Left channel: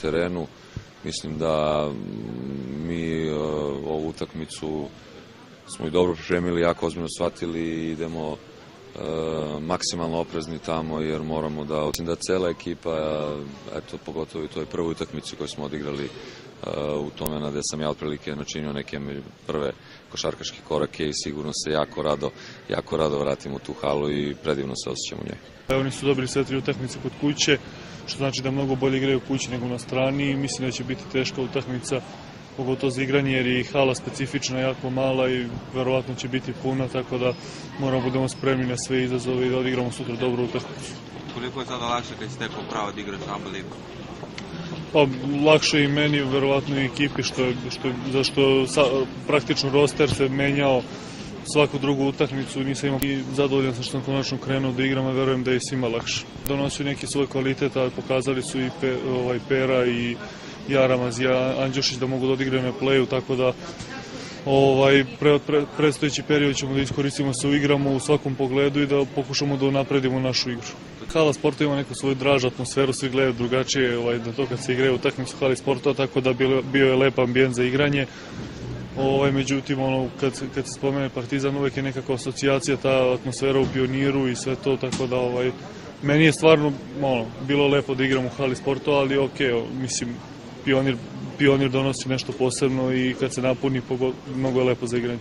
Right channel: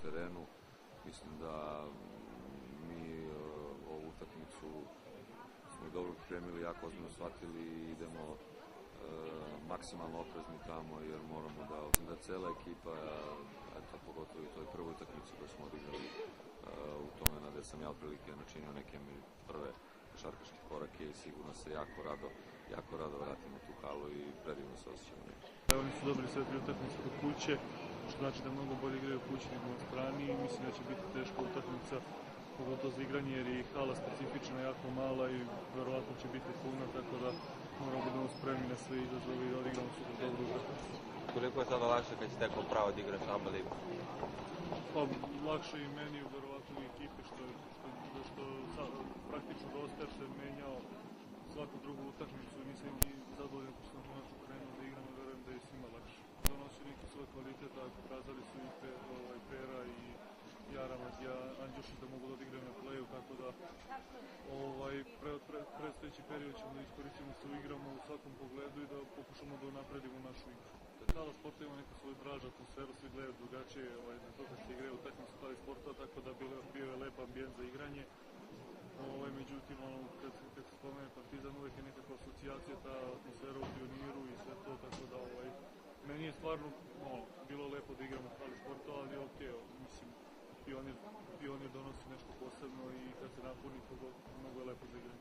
terenu. Mislim da mi ovu utakmicu smo i dobro pripremili, jako ozbiljno shvatili i idemo maksimalno oprezni tamo jer moramo da cela ekipa, eto pogotovo i toj prvoj utakmici koju smo odigrali u tome gde sam ja otprilike načinio neke prve košarkaške korake i sigurno se jako rado vratim u tu halu i predivno se osjećam u njoj. Oni su dobili sve 3 utakmice kod kuće, što znači da mnogo bolje igraju kući nego na strani i mislim da će biti teška utakmica, pogotovo za igranje jer je hala specifična, jako mala i verovatno će biti puna, tako da moramo budemo spremni na sve izazove i da odigramo sutra dobru utakmicu. Koliko je sada lakše kad ste stekao pravo da igraš ABA ligu? Pa, lakše i meni, verovatno i ekipi, zašto praktično roster se menjao svaku drugu utakmicu, nisam imao i zadovoljan sam što sam konačno krenuo da igram, a verujem da je svima lakše. Donosio neki svoj kvalitet, a pokazali su i Pera i Jaramaz i Andjušić da mogu da odigraju na playu, tako da predstojeći period ćemo da iskoristimo se uigramo u svakom pogledu i da pokušamo da unapredimo našu igru. Hala sporta ima neku svoju dražu atmosferu, svi gledaju drugačije na to kad se igraju utakmice u hali sporta, tako da bio je lep ambijent za igranje. Međutim, kad se spomene Partizan, uvek je nekakva asocijacija, ta atmosfera u Pioniru i sve to, tako da meni je stvarno bilo lepo da igram u hali sporta, ali mislim, Pionir donosi nešto posebno i kad se napuni, mnogo je lepo za igranje.